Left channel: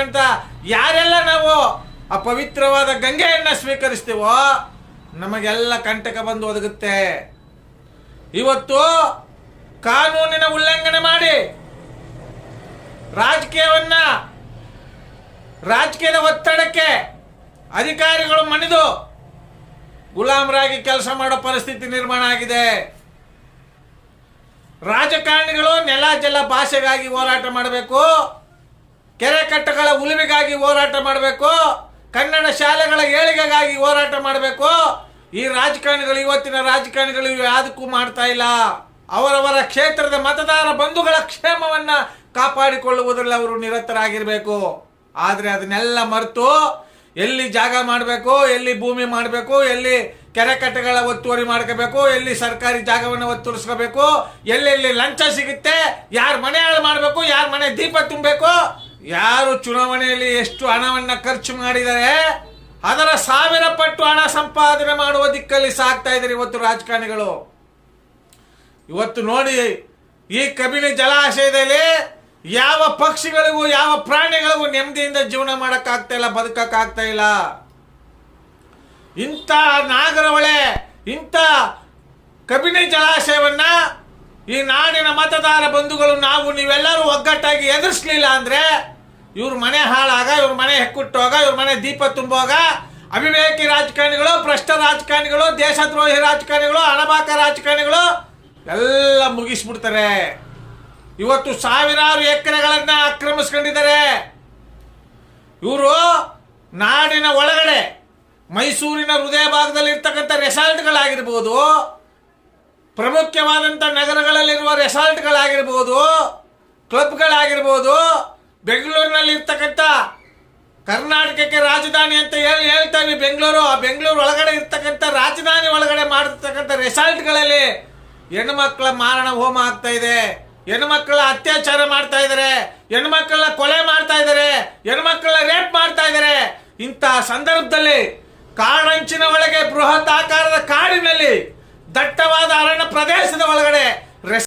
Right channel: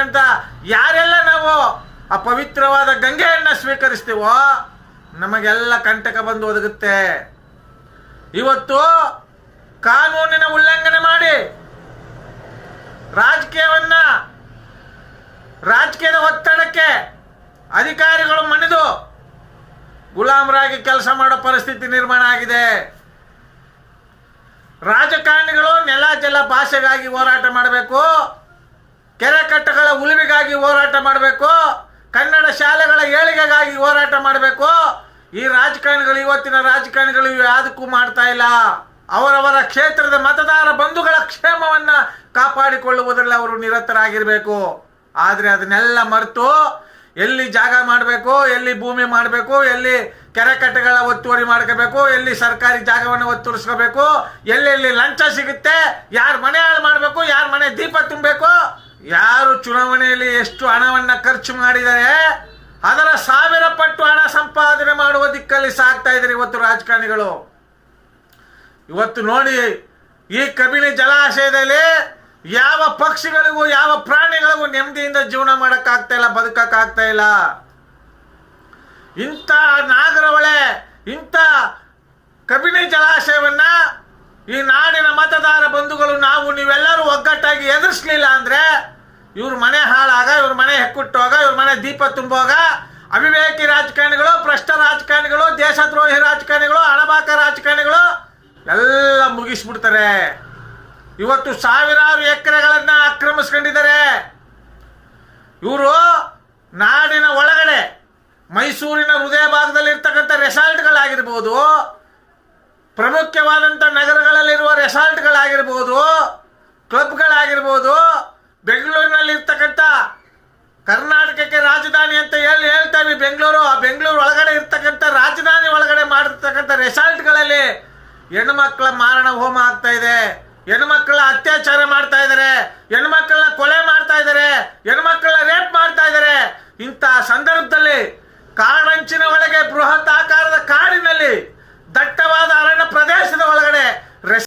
ಇರ್ತಕ್ಕಂಥ ಯಾರೆಲ್ಲ ನಾವು ಆ ಪವಿತ್ರವಾದ ಗಂಗೆಯನ್ನ ಸ್ವೀಕರಿಸ್ತೀವೋ, ನಮಗೆಲ್ಲ ಕಂಟಕ ಬಂದು ಒದಗುತ್ತೆ. ಇವತ್ತು ಕಾನೂನಿನ ಉಲ್ಲಂಘನೆ ಮಾಡಿ ರಾಜಕೀಯವನ್ನ, ರಾಜಕೀಯದ ಒತ್ತಡಕ್ಕೆ ಅಧಿಕಾರಿಗಳು ಮಣಿದು ಗುಲಾಮರಾಗಿ ಕೆಲಸ ಮಾಡೋ ಪರಿಸ್ಥಿತಿ ನಿರ್ಮಾಣ ಆಗಿದೆ. ರಾಜಕಾರಣಿಗಳು ನೆಲ ಜಲ ಭಾಷೆಗಾಗಿ ಹೋರಾಟ ಮಾಡಬೇಕು. ಕೆರೆ ಕಟ್ಟಗಳ ಉಳಿವಿಗಾಗಿ ಹೋರಾಟ ಮಾಡಬೇಕು, ಕನ್ನಡ ಶಾಲೆಗಳ ಏಳಿಗೆಗಾಗಿ ಹೋರಾಟ ಮಾಡಬೇಕು. ಈ ರಾಜಕಾರಣಿಗಳು, ಇವತ್ತಿನ ರಾಜಕಾರಣಿಗಳು ಯಾವುದಕ್ಕೂ ಮಾಡ್ತಾ ಇಲ್ಲ. ಅವರವರ ಕ್ಷೇತ್ರದ ಮತದಾರ ಬಂಧುಗಳ ಕ್ಷೇಮವನ್ನು ಕಾಪಾಡಿಕೊಳ್ಳುವುದರಲ್ಲಿ ಅವರು ನಿರತರಾಗಿರಬೇಕು. ಆದರೆ ಅದನ್ನೆಲ್ಲ ಮರೆತು ಎಲ್ಲಿ ಜಾಗ ಮಾಡಬೇಕು, ಎಲ್ಲಿ ಭೂಮಿ ಮಾಡಬೇಕು, ಎಲ್ಲಿ ಕೆರೆ ಕಟ್ಟೆಗಳ ಒತ್ತುವರಿ ಮಾಡ್ಕೋಬೇಕು, ಎಲ್ಲಿ ಸರ್ಕಾರಿ ಜಾಗವನ್ನು ಒತ್ತುವರಿಸ್ಕೋಬೇಕು ಎಲ್ಲೆಲ್ಲಿ ಲಂಚ ಸಿಗುತ್ತೆ, ಯಾರ ಮನೆ ಹಾಳು ಮಾಡಬೇಕು, ಯಾರ ಮನೆ ದೀಪ ತುಂಬಬೇಕು ಯಾರು ಚುನಾವಣೆಯಲ್ಲಿ ಎಷ್ಟು ಹಣವನ್ನ ಖರ್ಚು ಮಾಡಿದರೆ ಅದರ ಸಾವಿರ ಪಟ್ಟು ಹಣ ಸಂಪಾದನೆ ಮಾಡುವ ದಿಕ್ಕಲ್ಲಿ ಸಾಕ್ತಾ ಇದ್ದಾರೆ ಇವತ್ತು ರಾಜಕಾರಣಿಗಳು. ಇವತ್ತು ನೋಡಿ, ಈ ಕಬಿನಿ ಜಲಾಶಯದಲ್ಲಿ ಯಾವ ಪಕ್ಷಿಗಳಿಗೂ, ಯಾವ ಪ್ರಾಣಿಗಳಿಗೂ ನೆಮ್ಮದಿಯಿಂದ ಜೀವನ ಮಾಡಕ್ಕಾಗ್ತಾ ಇಲ್ಲ, ಬದುಕಕ್ಕಾಗ್ತಾ ಇಲ್ಲ. ಇಂಥ ನಾಗರವಳೆ, ಇಂಥ ಕಬಿನಿ ಜಲಾಶಯವನ್ನ ಈ ನಾಡಿನ ಮತದಾರ ಬಂಧುಗಳು ನಾವು ನೀವೆಲ್ಲರೂ ಒಗ್ಗಟ್ಟಾಗಿ ಎದುರಿಸ್ಲಿಲ್ಲ ಅಂದ್ರೆ ಇವ್ರ ಮನೆ ಹಾಳಾಗ, ಇವ್ರ ಮನೆ ಹೆಕ್ಕುಟ್ಟೋಗ, ಇವ್ರ ಮನೆ ದೀಪ ತುಂಬೋಗ, ಅವಿವೇಕಿ ರಾಜಕಾರಣಿಗಳು, ಭ್ರಷ್ಟ ರಾಜಕಾರಣಿಗಳು, ದೇಶದ್ರೋಹಿ ರಾಜಕಾರಣಿಗಳು, ಹಣಬಾಕ ರಾಜಕಾರಣಿಗಳು ಎಲ್ಲ ಮುಗಿಸ್ಬಿಡ್ತಾರೆ. ಇವತ್ತು ಸಾವಿರಾರು ಎಕರೆಗಳನ್ನ ಆಕ್ರಮಿಸ್ಕೊಂಡಿದ್ದಾರೆ. ಇವರು ನಾಡಿನ ಒಳಗಡೆ ಮೈಸೂರಿನ ಹೃದಯ ಭಾಗದಲ್ಲಿ ಇರ್ತಕ್ಕಂಥ ರೆಸಾರ್ಟ್ಗಳಾಗಿರ್ಬೋದು ಪ್ರಮುಖವಾದಂಥ ನಗರಗಳಲ್ಲಿರುವ ರೆಸಾರ್ಟ್ಗಳಾಗಿರ್ಬೋದು, ಕ್ಲಬ್ಗಳಾಗಿರ್ಬೋದು, ಬೆಂಗಳೂರಿನಲ್ಲಿರ್ತಕ್ಕಂಥ ಕರ್ನಾಟಕಕ್ಕೆ ರಾಜಧಾನಿ ಅಂತ ಹೇಳಿ ಹೇಳ್ತೇವೆ. ಬೆಂಗಳೂರು, ಆ ಬೆಂಗಳೂರು ಒಳಗಡೆ ಇರ್ತಕ್ಕಂಥ ರಾಜಧಾನಿ ಒಳಗಡೆ ಮಾಡಿರ್ತಕ್ಕಂಥ ರೆಸಾರ್ಟ್ಗಳಲ್ಲಿ ಹೆಣ್ಮಕ್ಳ ಮಾರಣ ಹೋಮ ಆಗ್ತಾ ಇದೆ. ಹೆಣ್ಮಕ್ಳ ಅತ್ಯಾಚಾರ ಮಾಡ್ತಾ ಇದ್ದಾರೆ. ಹೆಣ್ಮಕ್ಳನ್ನ ಕೊಲೆ ಮಾಡ್ತಾ ಇದ್ದಾರೆ. ಹೆಣ್ಮಕ್ಳನ್ನ ರೇಪ್ ಮಾಡ್ತಾ ಇದ್ದಾರೆ. ಇಂತಹ ಸಂದರ್ಭದಲ್ಲಿ ಕಾಡಂಚಿನ ಒಳಗೆ ಬೃಹತ್ ಆಕಾರದ